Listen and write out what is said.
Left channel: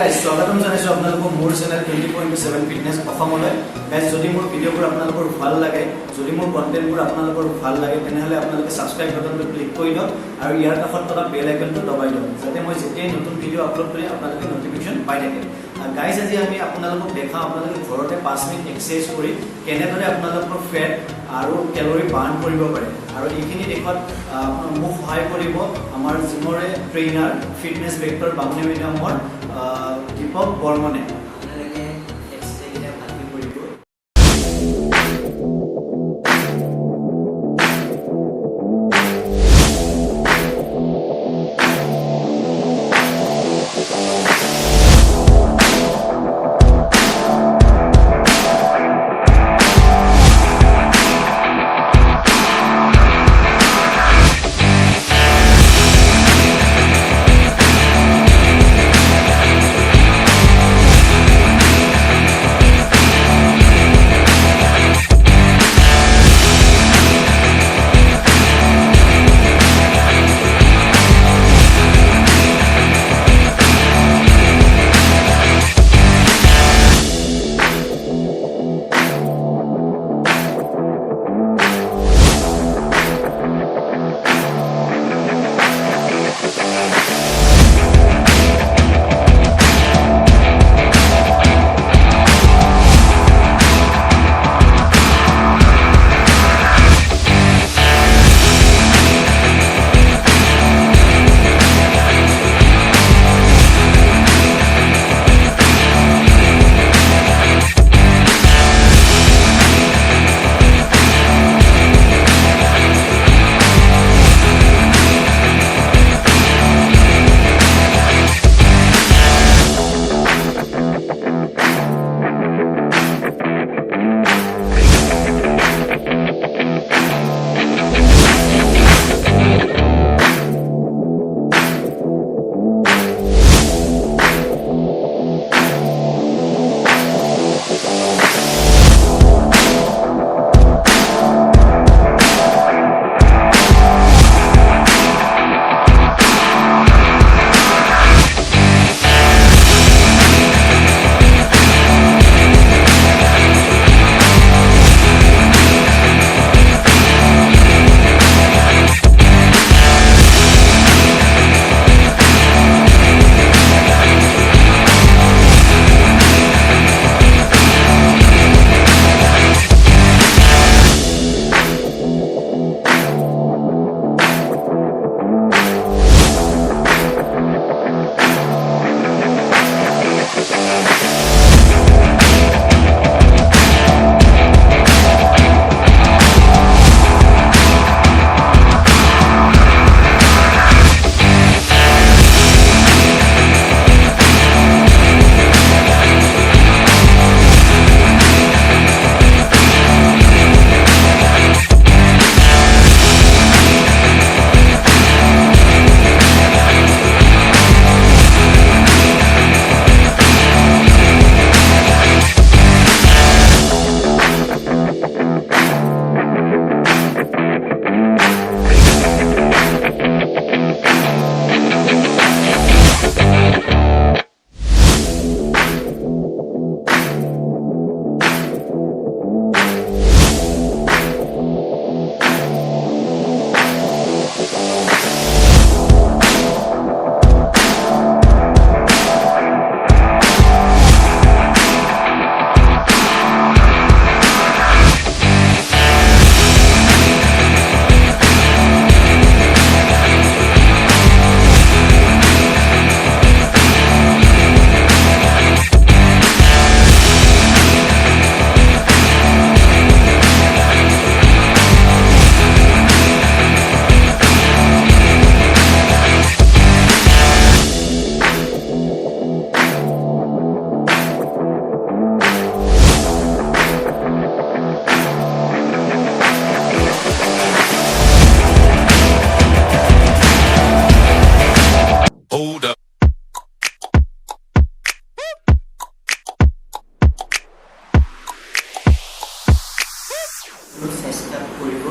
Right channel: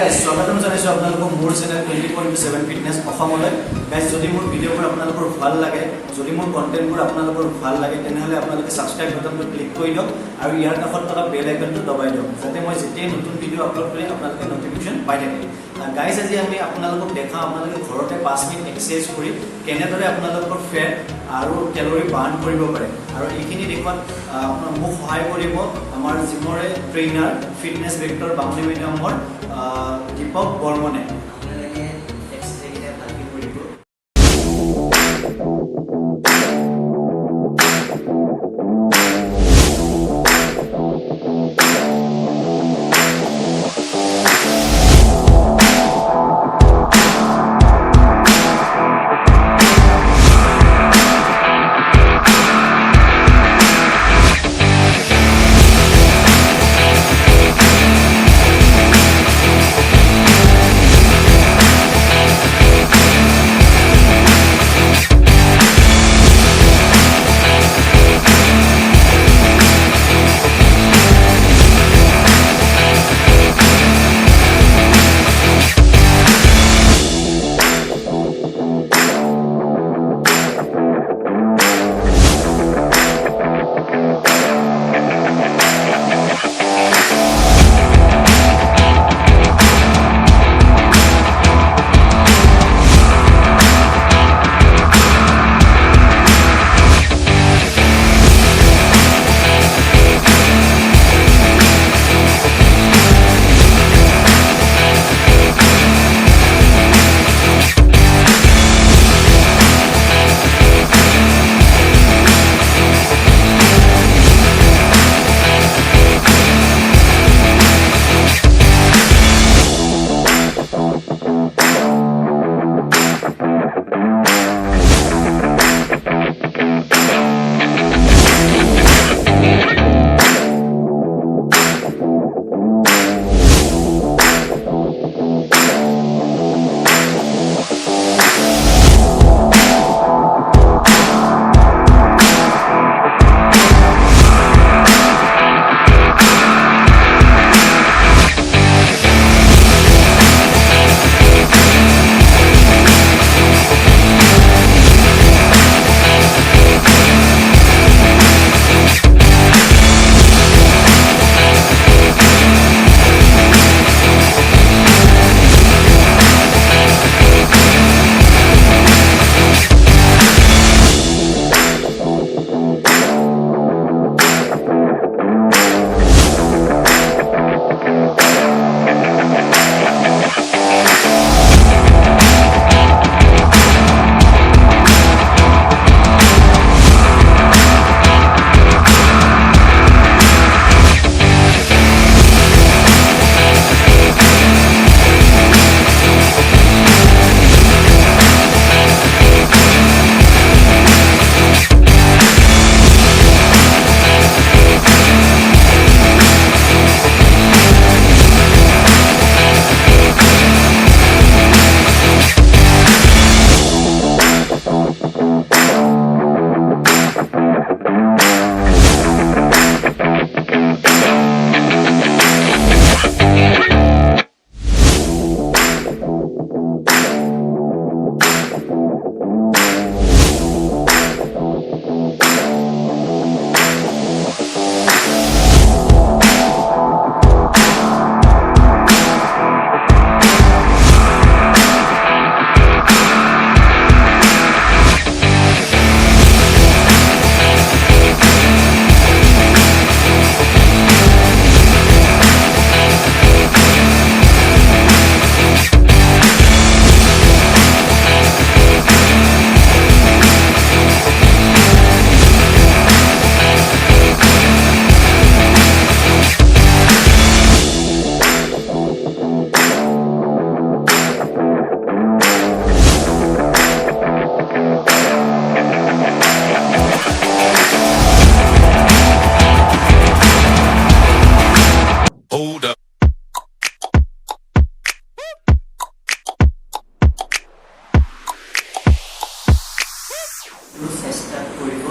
guys, স্বাগতম জানাইছো আপোনালোকক মোৰ চেনেল 20.7 ফিটনেছ অসমলৈ। গাইজ, যদি মোৰ ভিডিঅ'বোৰ আপোনালোকৰ ভাল লাগে, যদি মোৰ কণ্টেণ্টবোৰ আপোনালোকৰ ভাল লাগে, তেনেহ'লে আপোনালোকে ছাবস্ক্ৰাইব বাটনটো ক্লিক কৰি দিয়ক আৰু ইয়াৰ কাষত থকা বেল আইকনটো দবাই দিয়ক, যাতে মই যেতিয়াই নতুন ভিডিঅ' আপলোড কৰি আপোনালোকে নটিফিকেশ্যন পাই থাকে। গাইজ, আজি আমি আপোনালোকক দেখাওঁ আপোনালোকে ঘৰতে 5 মিনিট এক্সাৰচাইজ কৰি কেনেদৰে আপোনালোকৰ ফেট আৰু কেলৰি বাৰ্ণ কৰিব পাৰে, আৰু এইখিনি দেখুৱাত মোক সহায় কৰিব আমাৰ জিমৰে ট্ৰেইনাৰ ফিটনেছ ভেক্টৰ বামুণী মিডিয়ামৰ দীপক বৰ্মনে। আপোনালোকে এক্সাৰচাইজকেইটা ভালকৈ কৰিব। Hold up. চেষ্টা কৰিব